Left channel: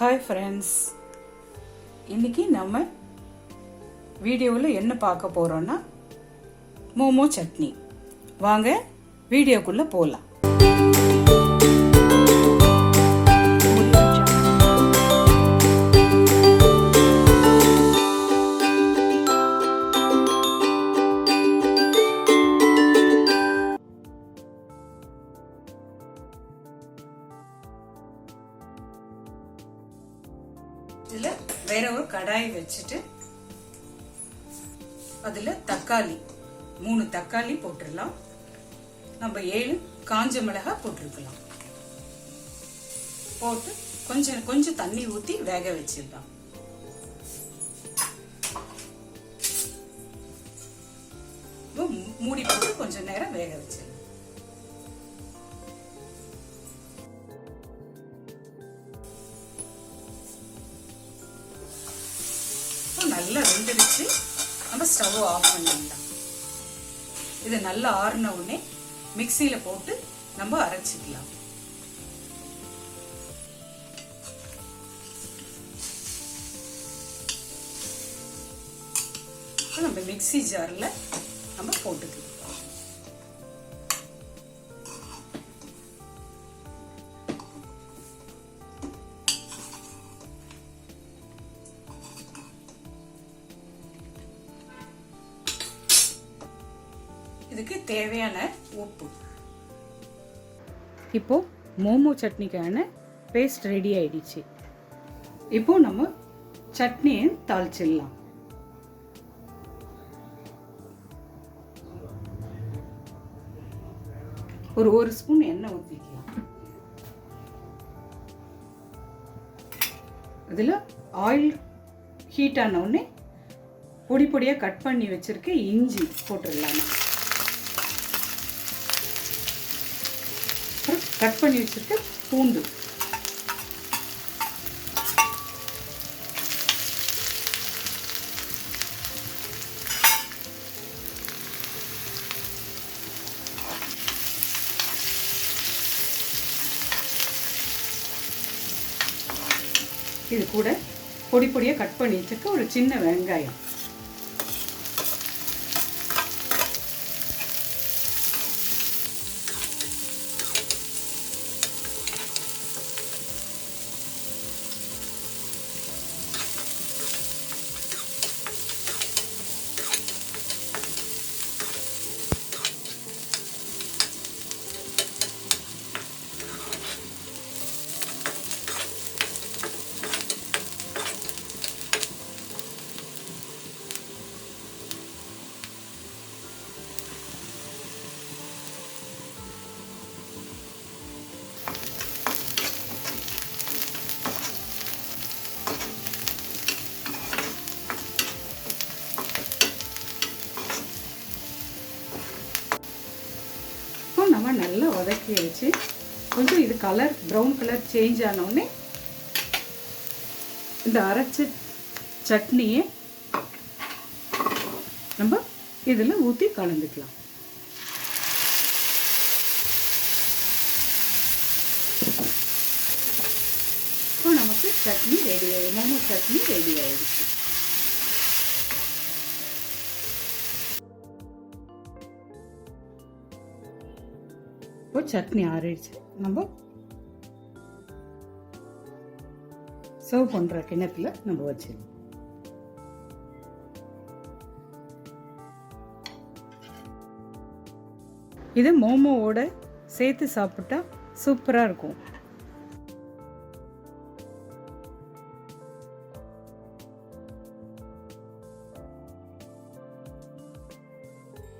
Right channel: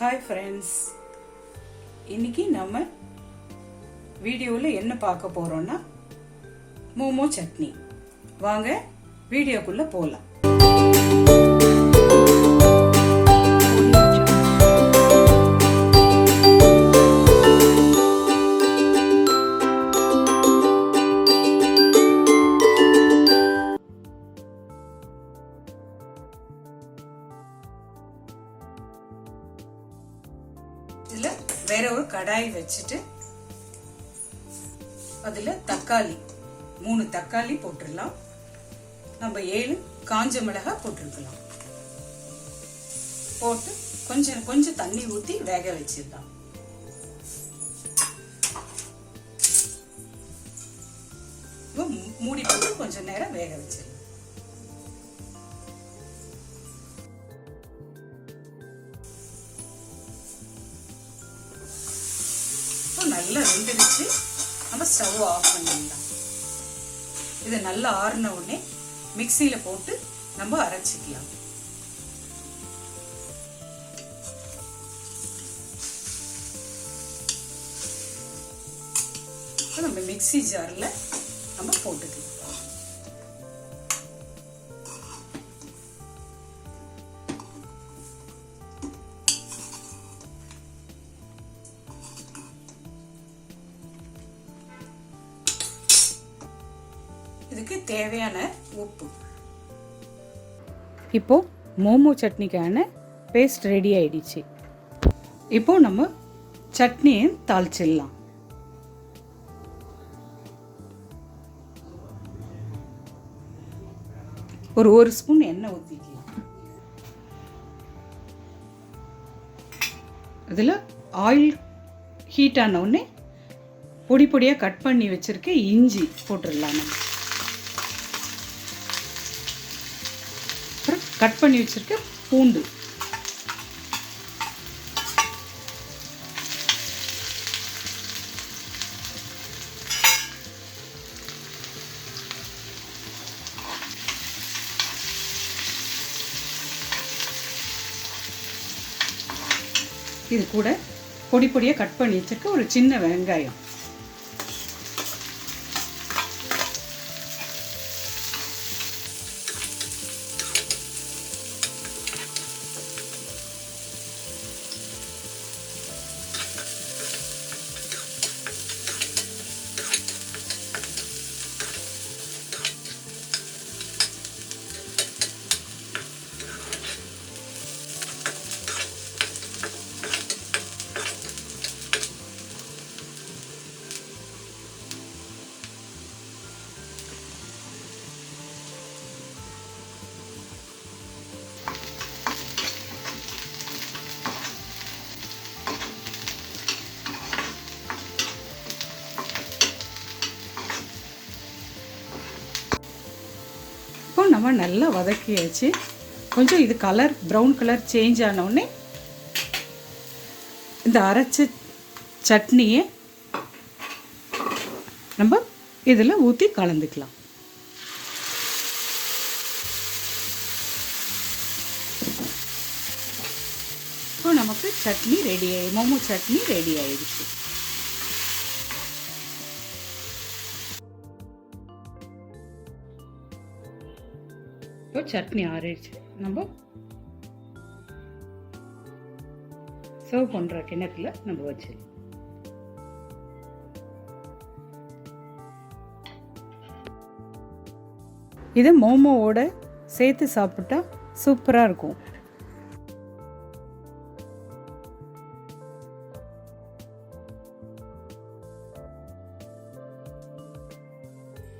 Hi friends, இன்னைக்கு நம்ம வீடியோவில் என்ன பார்க்க போறோம்னா மோமோ சட்னி. வாங்க வீடியோக்குள்ள போகலாம். இதுல வேற ஒரு கடாய் வச்சுட்டு அதுல தக்காளி 3 தக்காளி போட்டுடலாம். நம்ம 7 காஞ்ச மிளகாய் போட்டிருக்கலாம். போட்டு கொஞ்சம் தண்ணி ஊத்தி வேக வச்சிடலாம். மூடி போட்டு கொஞ்ச நேரம் வேக வச்சிடலாம். நல்லா வெந்துருச்சு. நம்ம ஸ்டவ் ஆஃப் பண்ணிடலாம். இது நல்லா ஆறின உடனே மிக்சியில போட்டு நம்ம அரைச்சிக்கலாம். நம்ம மிக்சி ஜார்ல நம்ம போட்டுக்கலாம். இதுக்கு தேவையான உப்பு. இப்போ மோமோ சட்னிக்கான பேஸ்ட் ரெடி ஆயிடுச்சு. இப்போ நம்ம சட்னியை தாளிச்சிடலாம். ஒரு ஸ்பூன் எண்ணெய் ஊற்றிக்கலாம். இதில் ஆயில் ஹீட் ஆன உடனே பொடி பொடியாக கட் பண்ணி வச்சிருக்க இஞ்சி போட்டுடலாம். கட் பண்ணி வச்சிருக்க பூண்டு, இது கூட பொடி பொடியா கட் பண்ணி வச்சிருக்க ஒரு சின்ன வெங்காயம், நம்ம நல்லா வதக்கி வச்சு கொஞ்சம் இது கலர் ப்ரௌன் கலர் சேஞ்ச் ஆன உடனே இந்த அரைச்ச சட்னியை நம்ம இதில் ஊற்றி கலந்துக்கலாம். இப்போ நமக்கு சட்னி ரெடி ஆகி மோமோ சட்னி ரெடி ஆயிடுச்சு. இப்போ சட்னி ஆறிடுச்சு. நம்ம சர்வ் பண்ற கிண்ணத்துல நம்ம வச்சிடலாம். இது மோமோவோட சேர்த்து சாப்பிட்டா சூப்பரா இருக்கும்.